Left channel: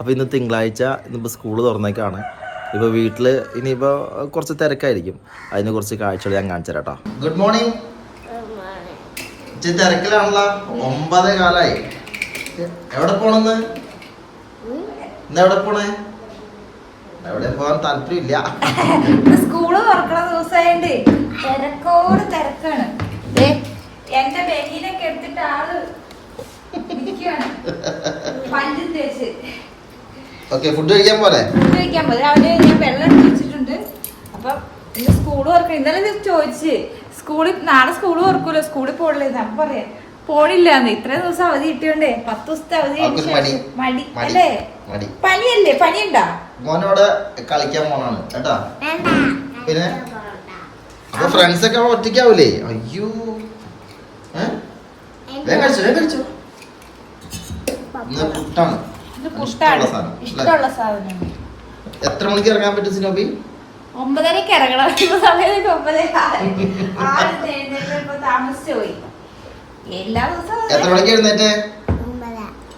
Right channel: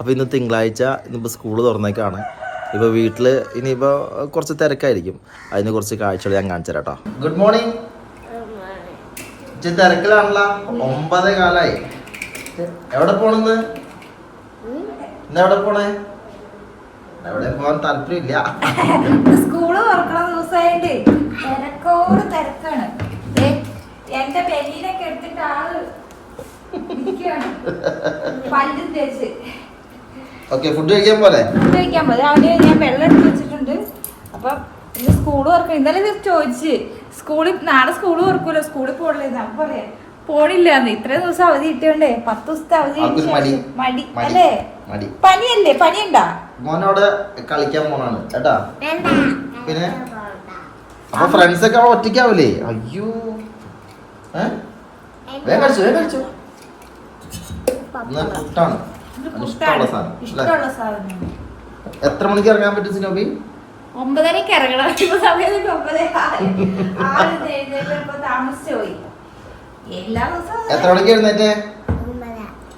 അപ്പോൾ ഇന്ന് തിങ്കളാഴ്ച, ഇന്നിപ്പോൾ സ്കൂൾ തുറന്നേക്കാണ്. ഇപ്പോൾ വീട്ടിൽ ഇനിയിപ്പോൾ കുറച്ച് തിരക്കായിരിക്കും. അതിന് കുറച്ച് കാഴ്ചകൾ ഞാൻ കാണിച്ചു തരാം കേട്ടോ. Good morning. തിരക്കിലാണല്ലോ, 9:15. എവിടെ പോണെന്ന്? ഇന്നെവിടെ പോണേ? എവിടെ പോകാൻ താല്പര്യമില്ല. സ്കൂള് തുറക്കണ ദിവസമായിട്ട് തിരക്കോട് തിരക്കാണ്. എന്റെ ബെല്ലിനൊക്കെ എടുത്തിട്ട് ആള് പല്ലും തേച്ച്. ഓക്കെ, ഫുഡ് കഴിക്കാൻ പോലെ രാവിലെ ഞാൻ വെള്ളം എടുത്ത് വെച്ചിട്ടുണ്ട്. അപ്പൊ ഇത് സ്കൂള് തുറക്കണം. ഇന്നലെ ഇത് ചോദിച്ച് സ്കൂളിൽ നാളെ സ്കൂള് തുറക്കൂലോ, സ്കൂളിൽ പോണില്ല. അപ്പൊ പറയാ പോണില്ലാന്ന്. ഇത്രയും ദിവസം അവധി കിട്ടിയോണ്ടേ 10 ദിവസത്തെ അവധി. മടി അല്ലേ? പനിയല്ലേ? പനിയുണ്ടാ? മോനോട് കളിക്കാൻ പോണാണ് കേട്ടാ. പിന്നെ അപ്പൊ ഫ്രണ്ട്സ് ഒക്കെ ഒറ്റയ്ക്കാവൂലേ? അയ്യോ, വേഗം കഴിച്ചോ. പുട്ടാണ് ഇഷ്ടമുള്ള സാധനം. എത്ര മണിക്ക് ഇറങ്ങാൻ പറ്റും സിനോബി? 9:30 ഇറങ്ങണം. സമയത്ത് 9:30 താമസിച്ചു പോയി. എല്ലാ ദിവസവും എത്ര മണിക്ക് എഴുന്നേറ്റ്?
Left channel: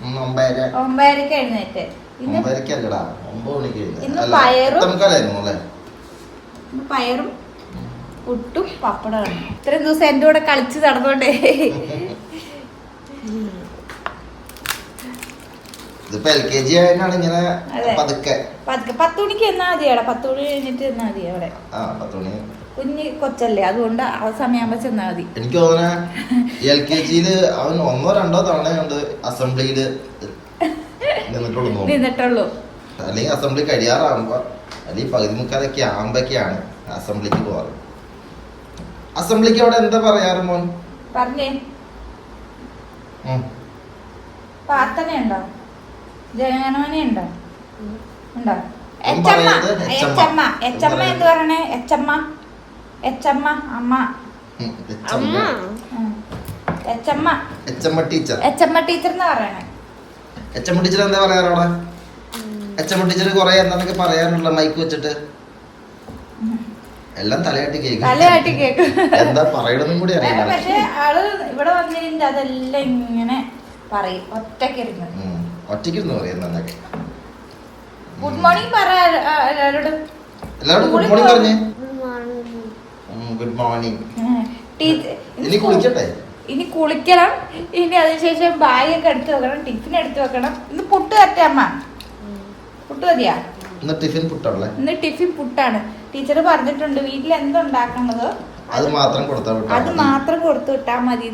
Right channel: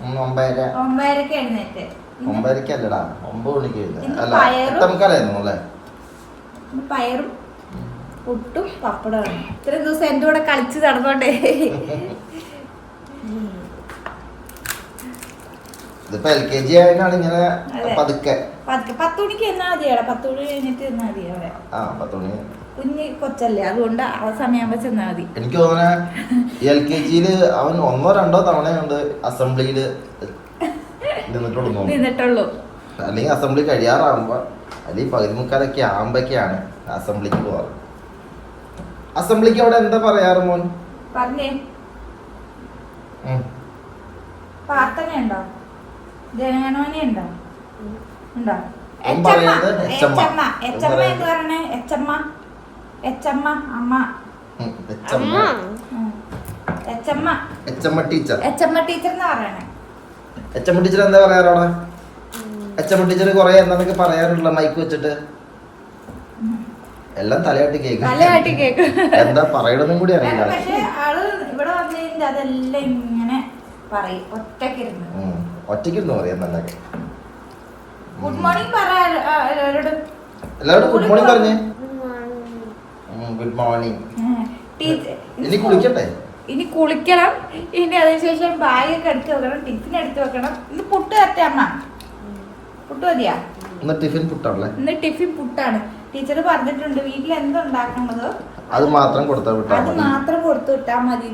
9:30 എഴുന്നേറ്റ്. 9:30 അല്ലടാ, 9 മണിക്ക് എഴുന്നേറ്റ്. പയറും പുട്ടും പപ്പടമാണ്. ഇത്രയും ദിവസം എന്റെ കൂടെ കളിച്ച് നടന്നോണ്ടേ. ഇതിപ്പോ LKG ആയിട്ടാണ് ഇങ്ങനെ പതുക്കെ 10 മണിക്ക് എന്നാ മതി. 10 മണി കഴിഞ്ഞിട്ട് എന്നാ മതി അവിടെ. 10 മണി കുഞ്ഞ് കൊച്ചല്ലേ, അതുകൊണ്ട് ആ സമയമാകുമ്പോ ചെന്നാ മതി. എനിക്ക് തോന്നുന്ന LKGയില് അവൻ 1-2 തവണ കൊണ്ട് അസംബ്ലിയില് നിന്നിട്ടുള്ളൂ. അല്ലെങ്കിൽ അസംബ്ലി കഴിയാറാകുമ്പോ, അല്ലെങ്കിൽ 11:45 ആകുമ്പോഴൊക്കെയാണ് അസംബ്ലിക്ക് പോവാറ്. അസംബ്ലിക്ക് അവിടെ എന്താ പറയാറ് മോൻ? പറഞ്ഞേ. പ്രാർത്ഥനയുണ്ടോ? ജനഗണമനയുണ്ടോ? ഉണ്ടോ? എച്ചമ്മ എന്ത് പറയണേ? എച്ചമ്മ അമ്മ. എച്ചമ്മ ടീച്ചർ എന്ന് പറയണേ. എച്ചമ്മ ടീച്ചർ എന്താ പറയാറ് അവിടെ? എച്ചമ്മ ടീച്ചർ കൊറേ എന്താന്നൊക്കെ പറയാറുള്ള മൈക്ക് വെച്ചിട്ട് എല്ലാം തലയാട്ടി കേൾക്കും. എന്താ പറയണമെന്നും കൂടി അറിയില്ല. ആള് ഇവിടെ വന്നു കഴിഞ്ഞാൽ അതെല്ലാം ഇങ്ങനെ പറയും. ഒറ്റയ്ക്കിരുന്ന് പറയാം. നല്ലൊക്കെ ഗുഡ് മോർണിംഗ് പറ എല്ലാവരോടും. ഗുഡ് മോർണിംഗ് പറഞ്ഞേ. Good morning. ഇനി കുളിക്കട്ടെ? ഇനി കുളിക്കണം. ഇനി അതിനുശേഷം ബാഗൊക്കെ എടുത്ത് വെക്കണം, ടിഫിൻ എടുത്ത് വെക്കണം. ഇന്ന് പുട്ട് തരട്ടെ അമ്മ? പുട്ട് മതിയാ? ഇന്ന് ടിഫിൻ പുട്ടാണല്ലേ? ഇന്ന് ടിഫിൻ പുട്ടാണ്. ടീച്ചർ പറഞ്ഞിട്ടുണ്ട് വീട്ടിൽ എന്തുണ്ടാക്കുന്നത് അത് മാത്രം കൊടുത്തു വിട്ടാ മതി.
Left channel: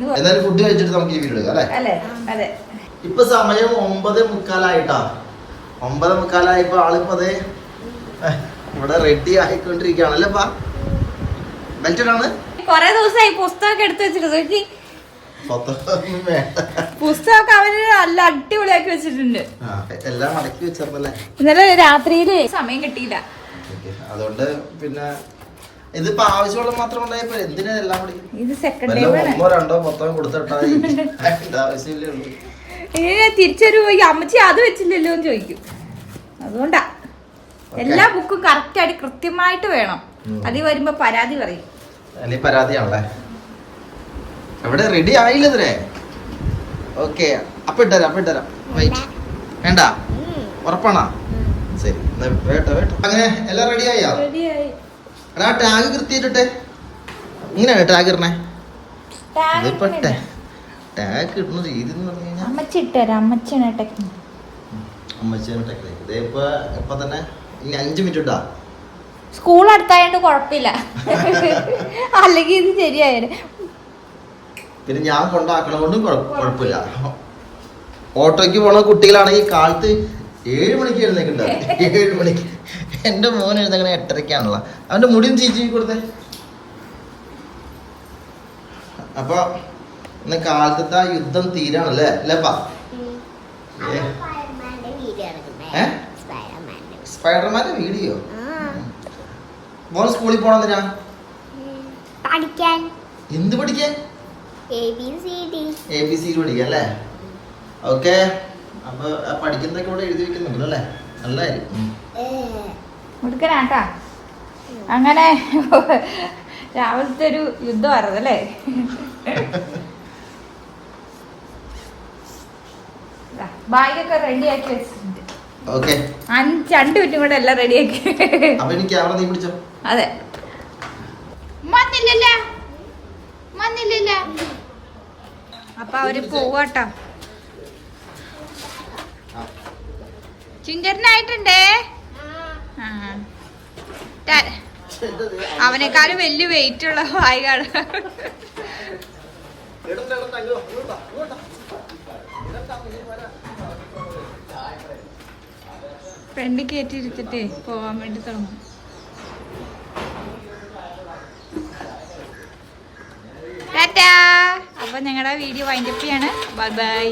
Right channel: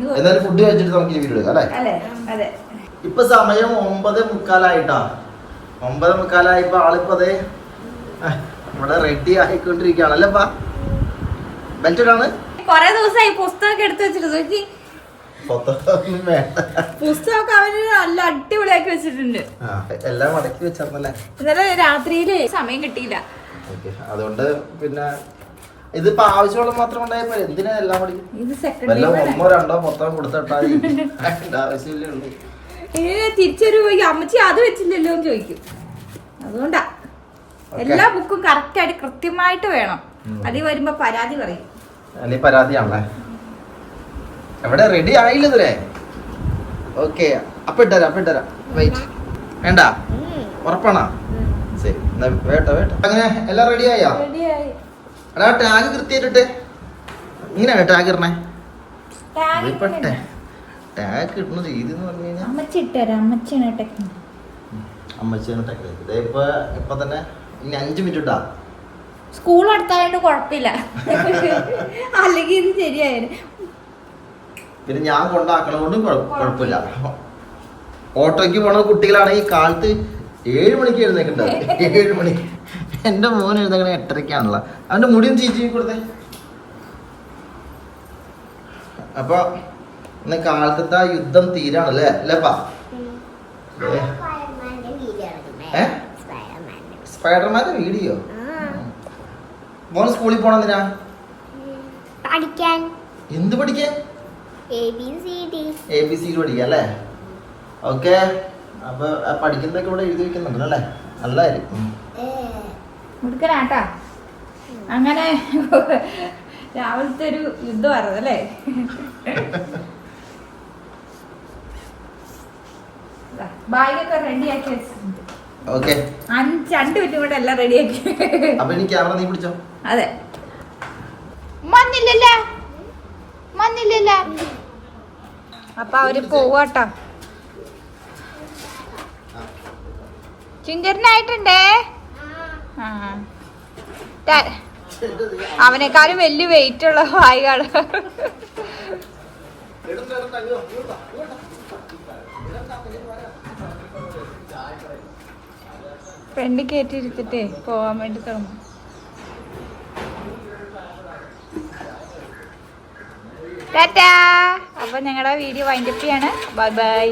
ഫുഡ് കഴിച്ചിട്ട് നമുക്ക് ഈ വീഡിയോ എടുക്കാം അല്ലേ? അതെ. ഇപ്പൊ സമയം 9:45. 9:45 ആളിപ്പോ അതെ ഇവിടെ റെഡി ആയിക്കൊണ്ടിരിക്കുകയാണല്ലേ. ബെൽറ്റഡാണ്. കൊറേ ദിവസമായി പുസ്തകമൊക്കെ എടുത്ത് വെച്ചിട്ട് പുസ്തകമൊക്കെ അവര് നല്ല അടിപൊളിയാക്കി വെച്ചിട്ടുണ്ട്. എല്ലാം മടക്കി വെച്ചല്ലേ. ഇന്നലെ രാത്രിയില് സമയം കിട്ടിയില്ല. അതുകൊണ്ട് പിന്നെ ഇതിപ്പോ ആവശ്യമുള്ള മാത്രം ഉണ്ടായപ്പോ എന്തിനാ എല്ലാം കൂടി? ഇത് സെക്കൻഡ് 1-2 മൊത്തം കൊടുത്തിട്ടാ ആവശ്യമില്ലേ ഉള്ളൂ. തിരിച്ചൊരു അമ്മച്ചി അത് വെച്ചില്ലല്ലോ എന്ന് ചോദിക്കും. അതുകൊണ്ടാ എല്ലാ ബുക്കും കറക്റ്റ് ആയിട്ട് കൃത്യമായിട്ട് വേണം. അതിൽ വരുമ്പോ പരാതി പറയും. അല്ലെങ്കിൽ പരാതിയാണല്ലേ. എവിടെ റെഡി ആയില്ല ഇതിനെ? ഓക്കെ, അപ്പൊ ഇട്ടരാം. വെയിറ്റ് വേണ്ട, ഉറപ്പാണോ? ശരി, വേട്ടോ. അങ്ങനെ എല്ലാം റെഡി ആയോ? എടാ ടാഗ് കൃത്യമായിട്ടെ. ഇങ്ങനെയാണ് ടാഗ് ഇടണേ. ഇതിപ്പോ ടാഗ് ഇടുന്ന രീതി എന്ന് പറഞ്ഞു കഴിഞ്ഞാൽ അമ്മച്ചിയാണ് ടെക്നിക്ക്. ഇപ്പൊ തന്നെ ഇനി 5 മിനിറ്റ് ഇട്ടാ. സ്കൂൾ അടുത്തായോണ്ട് കുഴപ്പമില്ല, അല്ലെങ്കിൽ ഇത് ശരിയായിരുന്നു. പിന്നെ ഞാൻ കൊണ്ടാക്കണ കൊണ്ടും കുഴപ്പമില്ല. ഓട്ടോയ്ക്ക് പോണ കുട്ടികളാണെങ്കിൽ കാലത്ത് 7 മണിക്ക് എഴുന്നേക്കുണ്ടാവും. 7 മണിക്ക്. എന്റെ മോൻ എഴുന്നേക്കണ 8:30 അവന്റെ മുടിയും ചീച്ചി കൊടുത്തേ. അപ്പൊ ഇന്ന് കാലത്തെ യുദ്ധം തീരാണല്ലേ അല്ലേപ്പാ? സ്പൈഡർമാന്റെ വീഡിയോ? മോൻ സ്കൂളിൽ പോണെന്തിനാ? പഠിക്കാൻ. എന്ത് പഠിക്കാൻ? ABCD പഠിക്കാൻ അല്ലേ? ഓക്കെ. അപ്പൊ പഠിക്കുന്നതൊക്കെ ഇവിടെ എഴുതി വെക്കുന്നുണ്ട് അല്ലേ? നല്ലായിരിക്കും. എടുക്കനാട്ടാ. അങ്ങനെ രാവിലത്തെ ഒരു യുദ്ധമായിരുന്നു അല്ലേ? ബാഗൊക്കെ റെഡിയാക്കി വെച്ചിട്ടുണ്ട്. ഓക്കെ 2 മിനിറ്റും കൂടെ എല്ലാം റെഡിയാക്കി. അപ്പൊ ഇനി ക്യാമറ നീ പിടിച്ചോ. അതെ മഞ്ഞില്ലല്ലോ. അപ്പൊ അവര് പോവാട്ടോ. ചിഞ്ചരനായിട്ടുണ്ടേ. അവനേക്കാളും വലിയ വെയിറ്റ് ഉള്ള വായികാണ്. ഫ്രണ്ട് കയറ്റിയിരുത്തിട്ടേ പോവാൻ വേണ്ടി തുടങ്ങും. ടാറ്റാ. അപ്പൊ ഞങ്ങളുടെ വീഡിയോ വൈൻഡപ്പ് ചെയ്യാണ്. Bye bye.